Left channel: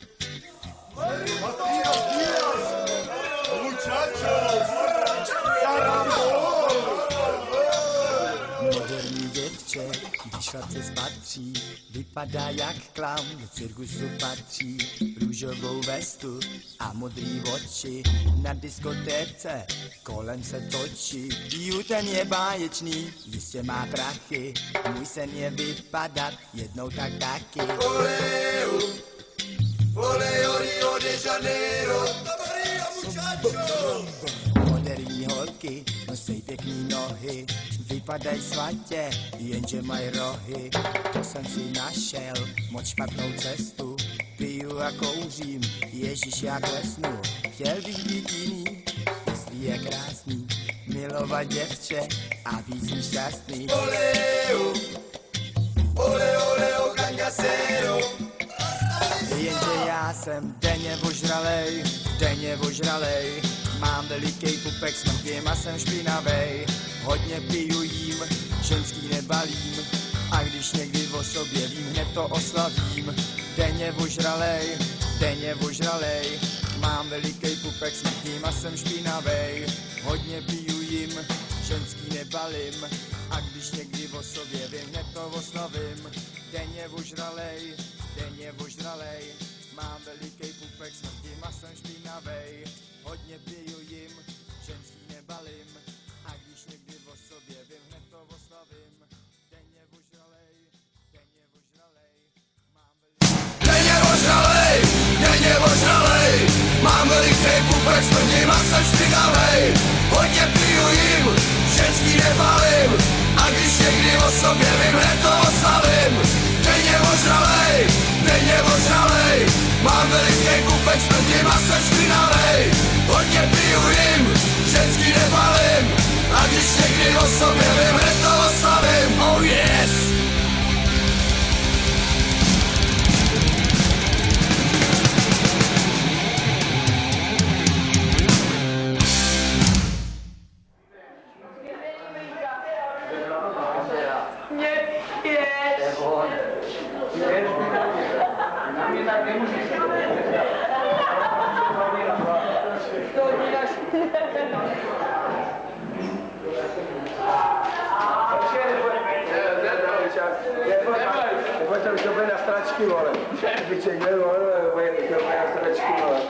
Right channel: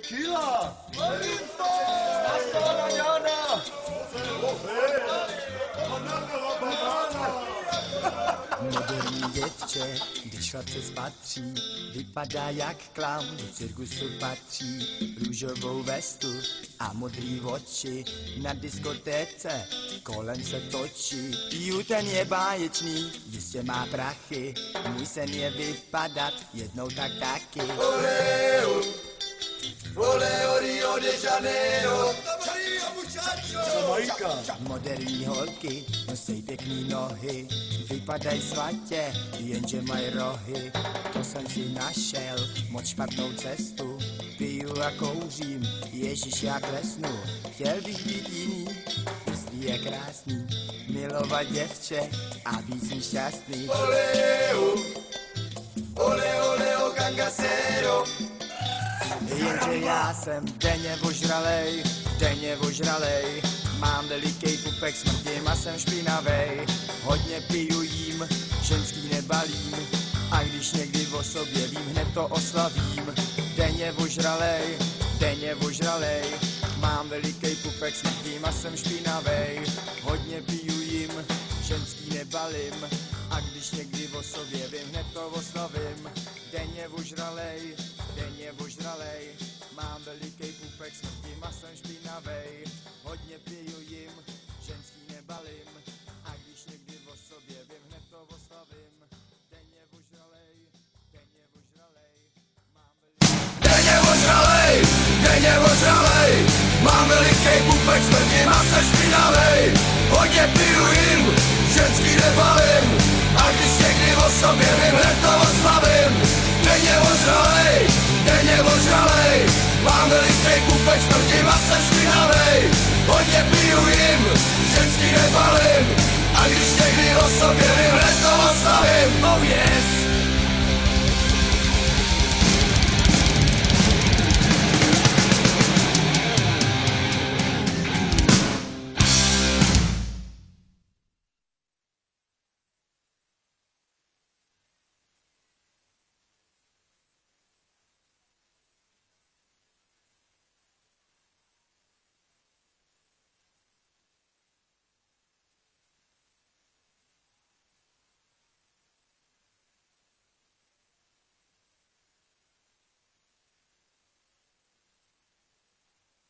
Tequila! Moderní děvče, když chlapce spatří, vypadá jak klaun, do cirkusu patří. Růžovou vestu a modrý oči, na diskotéce kolem se točí. Piju, ten je báječný, jistě má prachy, můj sen je vypadat jednou tak taky. Oleo Rio de Janeiro, Maria muchacho! Moderní holky nosej pěkný nohy, vypadají svatě, jenže mají rohy. To jsem si našel, moc špatnou cestu, piju a kouřím, ježiš já klesnu. Chtěl bych být jiný, jestli je krásný, milovat děvče a být mi šťastný. Oleo gangasero. Jenže já jsem denně ožralej, mám veliký pupek, smrdím a jsem špinavej. Hodně piju jím, ženský nebalím, a když někdy o sobě vím, hned to oslavím. Denně ožralej, mám veliký pupek, smrdím a jsem špinavej. Hodně piju jím, ženský nebalím, a když někdy o sobě vím, hned to oslavím. Denně ožralej, mám veliký pupek, smrdím a jsem špinavej. Hodně piju jim, ženský nebalím, a když někdy o sobě vím, hned to oslavím. Denně ožralej, mám veliký pupek, smrdím a jsem špinavej. Hodně piju jim, ženský nebalím, a když někdy o sobě vím, hned to oslavím. Denně ožralej, mám veliký pupek, smrdím a jsem špinavej. Hodně piju jim, ženský nebalím, a když někdy o sobě vím, hned to oslavím. Oh yes! Pojďte už dobře na stračky, vole. Piček, vole, pojďte na stračky, vole.